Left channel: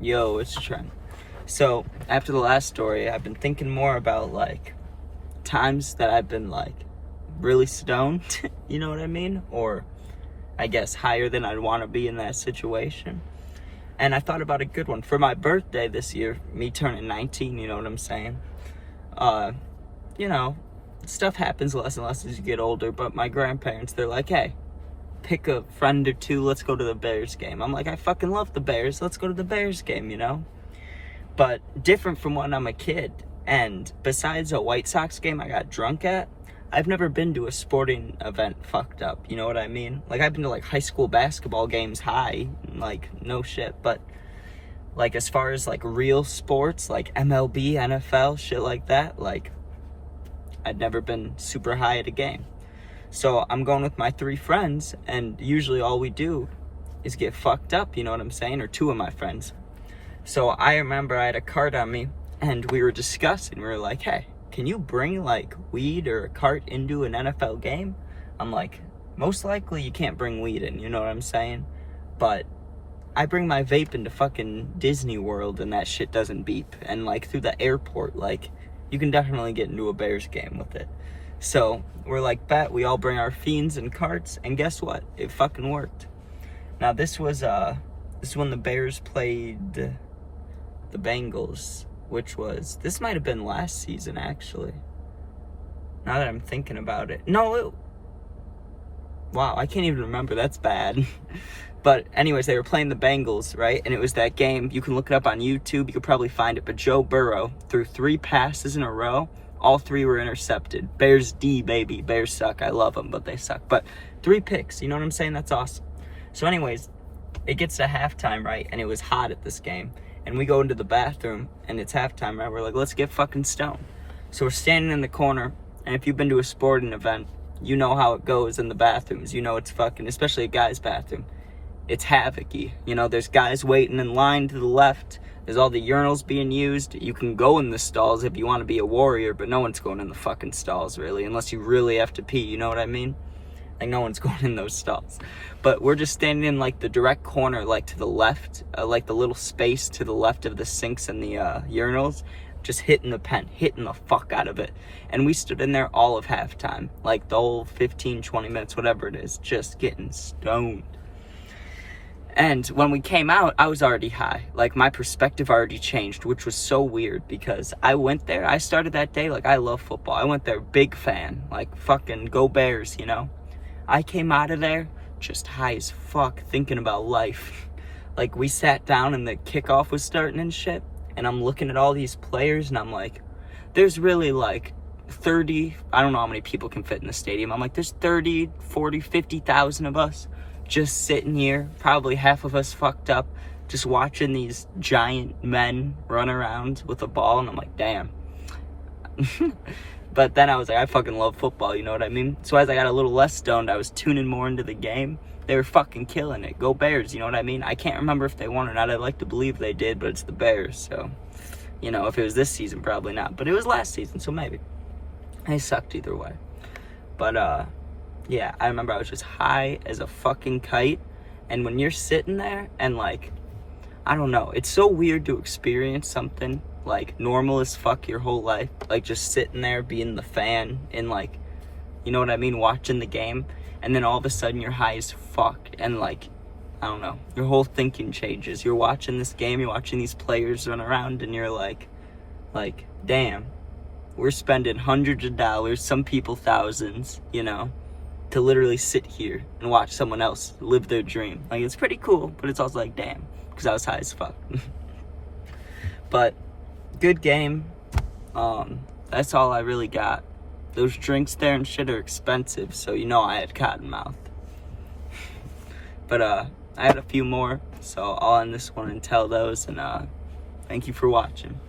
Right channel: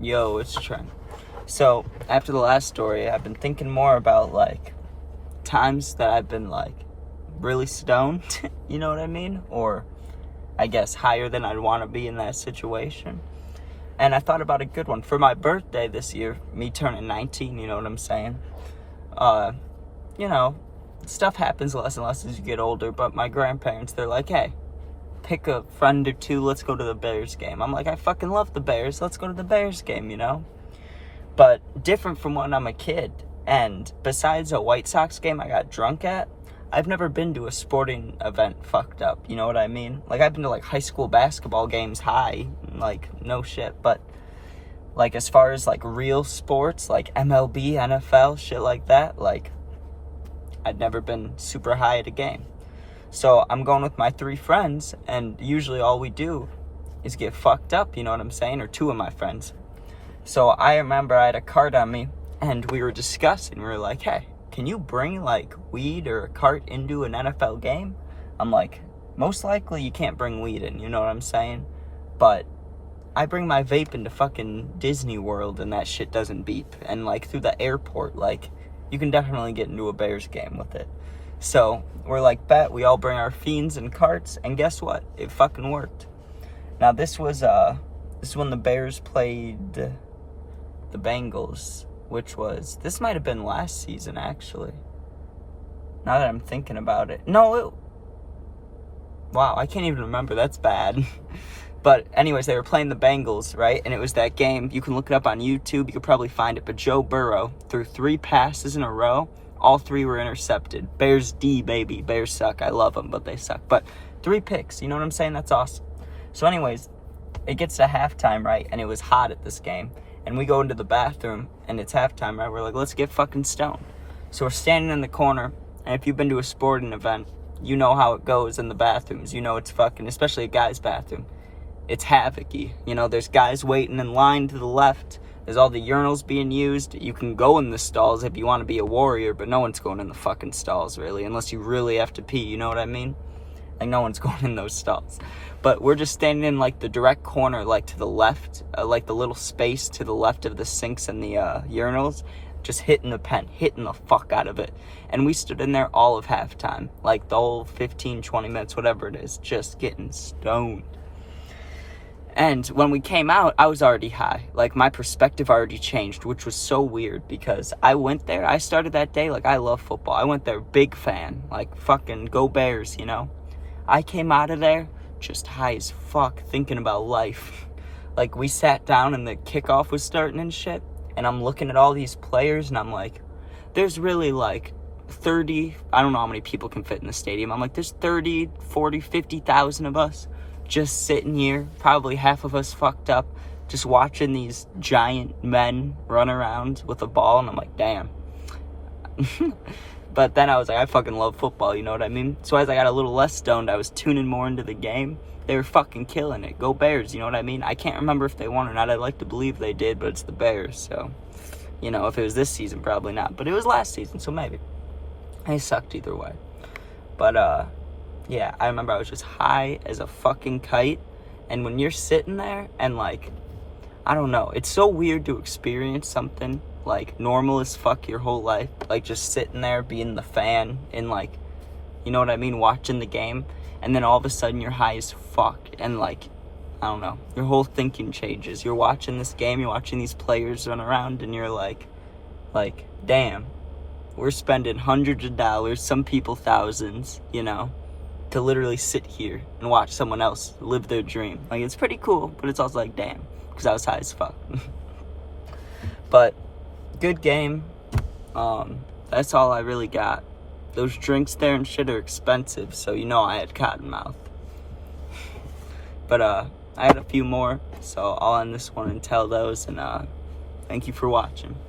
Yo, it's Trent. So, after the last story, I've been thinking more about, times that I've been, really stoned, you know what I mean? Or, I guess, higher than I'd want to be in that situation. And I thought about a good one. For my birthday this year, me turning 19, you know what I'm saying? You know, stuff happens less and less as you get older, but my grandparents, they're like, hey, pick a friend or two, let's go to the Bears game. I'm like, I fucking love the Bears, let's go to the Bears game, you know? But different from when I'm a kid, and besides a White Sox game I got drunk at, I've never been to a sporting event fucked up, you know what I mean? I've been to, high school basketball games high, no shit, but, as far as, real sports, MLB, NFL, shit like that, I'd never been super high at a game. So I'm going with my 3 friends, and usually all we do is get fucked up, you know what I'm saying? Or 2 of my friends. So I remember I had a cart on me, and we were discussing. We were like, hey, can you bring, weed or a cart into an NFL game? I'm like, most likely you can't bring weed in, you know what I'm saying? But I bring my vape into fucking Disney World, and that shit doesn't beep. And, through the airport, you can definitely get into a Bears game with it. So we're like, bet, we all bring our fiends and carts, and guess what? It fucking worked. Now this was when the Bears played the Bengals, this might have been last season actually. Now that I'm thinking about it. Wow, I can't even remember, that's bad. But anyways, they were playing the Bengals, right? And it was that game, you can look it up on YouTube, you could probably find it, but Joe Burrow threw 3 passes in a row. All 3 were intercepted. Bears D, baby. Bears suck. I love them, but they suck. But 3 picks. You know what I'm saying? That's awesome. So anyways, it gets to halftime, right? And it was hot at this game. And we go into the bathroom, and it's halftime, right? We're like, let's get fucking stoned. So we're standing in the corner, and if you've been to a sporting event, you know how it goes in the bathrooms. You know it's fucking, especially a guy's bathroom. It's havoc-y. You know, there's guys waiting in line to the left. There's all the urinals being used. You can go in the stalls if you want to be a warrior, but no one's going in the fucking stalls, really, unless you really have to pee, you know what I mean? No one's going in those stalls. But we're just standing in, the direct corner, to the left, the little space to the left of the sinks and the urinals, just hitting the fuck out of it. And we stood in there all of halftime, the whole 15, 20 minutes, whatever it is, just getting stoned. And when we came out, I was already high. My perspective already changed, which was so weird because I went there. I started that day, I love football. I went there, big fan. Fucking go Bears, you know? I came out of there just high as fuck, thinking about life. We sat down and the kickoff was starting and shit. And I'm looking at all these players and I'm like, there's really 30, I don't know how many people can fit in the stadium. I'm like, there's 30, 40, 50,000 of us. Just sitting here, probably half of us fucked up, just watching these giant men run around with a ball, and I'm like, damn. But then I was like, I fucking love football, you know what I mean? So as I got a little less stoned, I was tuning more into the game. They were fucking killing it. Go Bears, you know what I mean? I can't remember if they won or not. I'd like to believe they did, but it's the Bears, so, you know, if it was this season, probably not. But it was last season, so maybe. They sucked either way. But, yeah, I remember I was just high as a fucking kite, and when you're sitting there and, I don't know, it's so weird to experience something, normal as fuck your whole life, just sitting there being the fan and, you know what I mean, watching the game, and then all of a sudden you're high as fuck, and, I don't know, your whole thinking changes. You're watching this game, you're watching these players run around, and you're like, damn, we're spending hundreds of dollars, some people thousands, you know, to literally sit here and watch someone else live their dream. It's pretty cool, but it's also damn, because I was high as fuck. But good game. That's all I really got. Those drinks there and shit are expensive, so you know I had cotton mouth. But I had a few more, so I'll end this one and tell those, and thank you for watching.